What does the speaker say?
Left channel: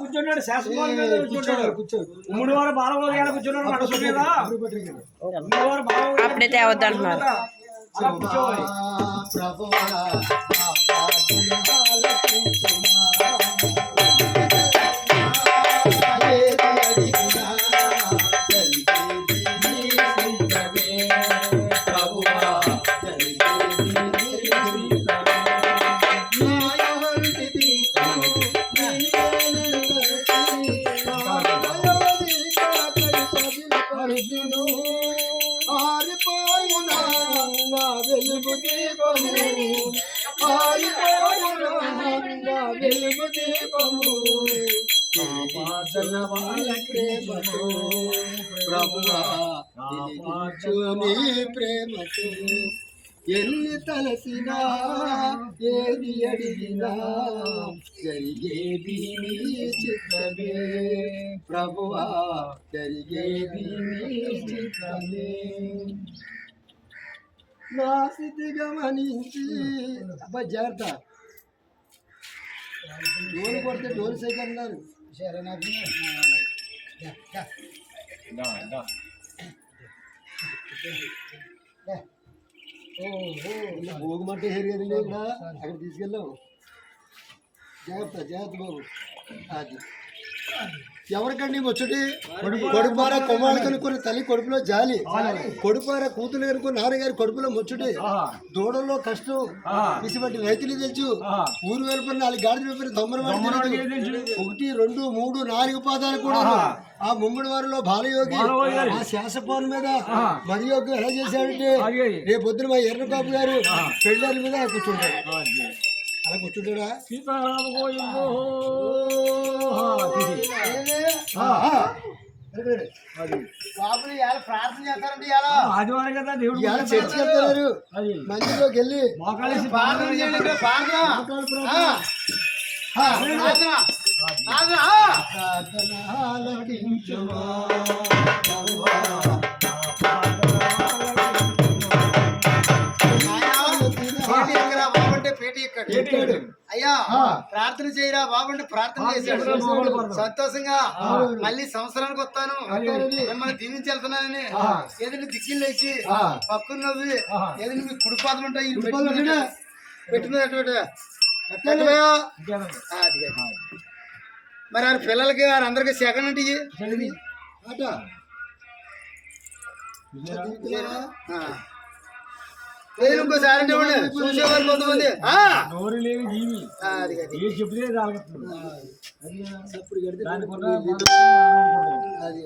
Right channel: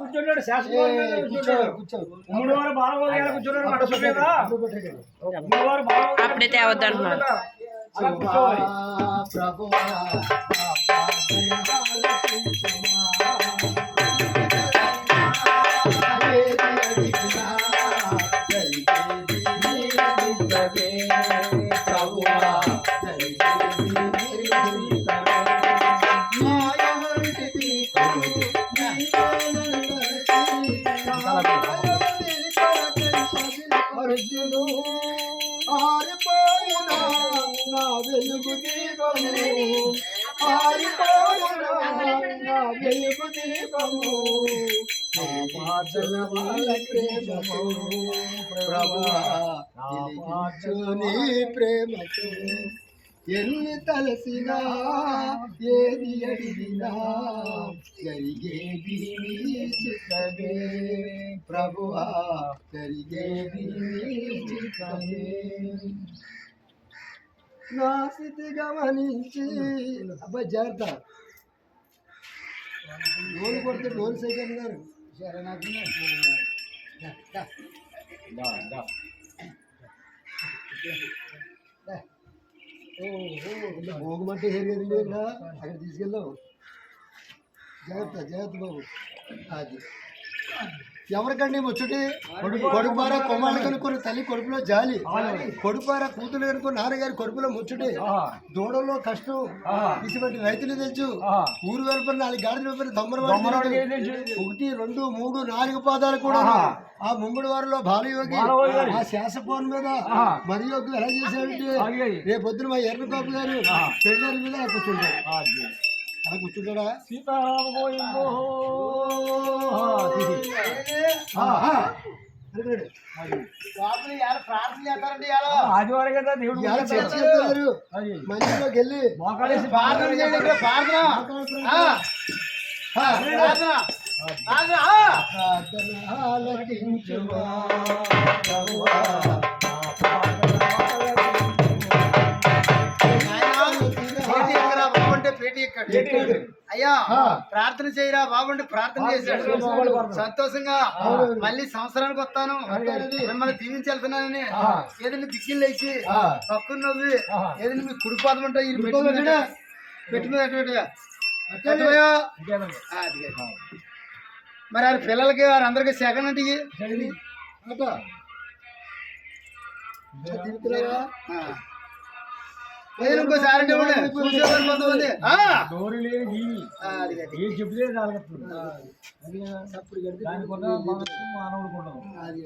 కూర్చున్నాడు శాసనసభ మీద కూర్చున్నాడు. మూడు వారు బాలగోగాడు కూర్చున్నాడు మడసు మీద. మూడు వారు అప్పుడే తేవద్దు అంటున్నారు. అలా కూర్చోవాలి. వెలుగు దీపము వెలుగు దీపము ప్రేమకు ప్రభువా నీ ప్రేమకు ఎన్ని తలసినా ఏది అడిగినా జరిగేది నీ చిత్తమే ప్రభువా జరిగేది నీ చిత్తమే నా స్థితి గమనించి అబ్బాయి జాగ్రత్త డోలు కొడితే డోలు సైకిల్ అన్నారు సరే నాకు భోగమంటే హెరిగది ఇక్కడ అక్కడ తీసుకెళ్ళావు జాగ్రత్త జాగ్రత్త బాబు అది ఎవరికండి ముచ్చటి కొడుపార కొమ్మాళ్ళు కనుక్కొని తల్లి కడుపులో జాలి కొడుపార కూతురు కనుక్కొని నాన్నగారి కడుపులో ముచ్చటి దూడలో కష్టం ఇటువంటి రైతులు తెలుసు ఊరు వెలుపరి 4 గాడిద వెలుపరి 1 2 3 4 పాదాలు కూడా ఆ ముమ్మడి వారిలో బాలయోగి ఆ శాసపోన్ మీద మరియోగి ఎలా చేశాడంటే రేపు పొద్దున మా ఎర్రకాపు గారు పెళ్ళారి మీద కూర్చుంటాడు అలా కూర్చుంటాడా ఆదివారం కదా దేవుడు చర్చికి వెళ్తారు మందిలోకి వెళ్ళి అయ్యా ప్రార్థన చేయరా బాగుంటే ప్రార్థన చేశాడు సంతోషంగా మళ్ళీ సంవత్సరానికి వస్తాను మిమ్మల్ని దీవించి వెళ్తున్నానని ఏదైనా దిక్కులు లేచి పక్కన నవ్వి ఏదైనా మీ కుడిపాదలు ఉంటాయి పెట్టుకునేటట్టుగా మరి ఆయన పిల్లలకి అందరికి సెకండ్ అంటే ఇంకోసారి చూసేవారు కొంతమంది చెప్తే అది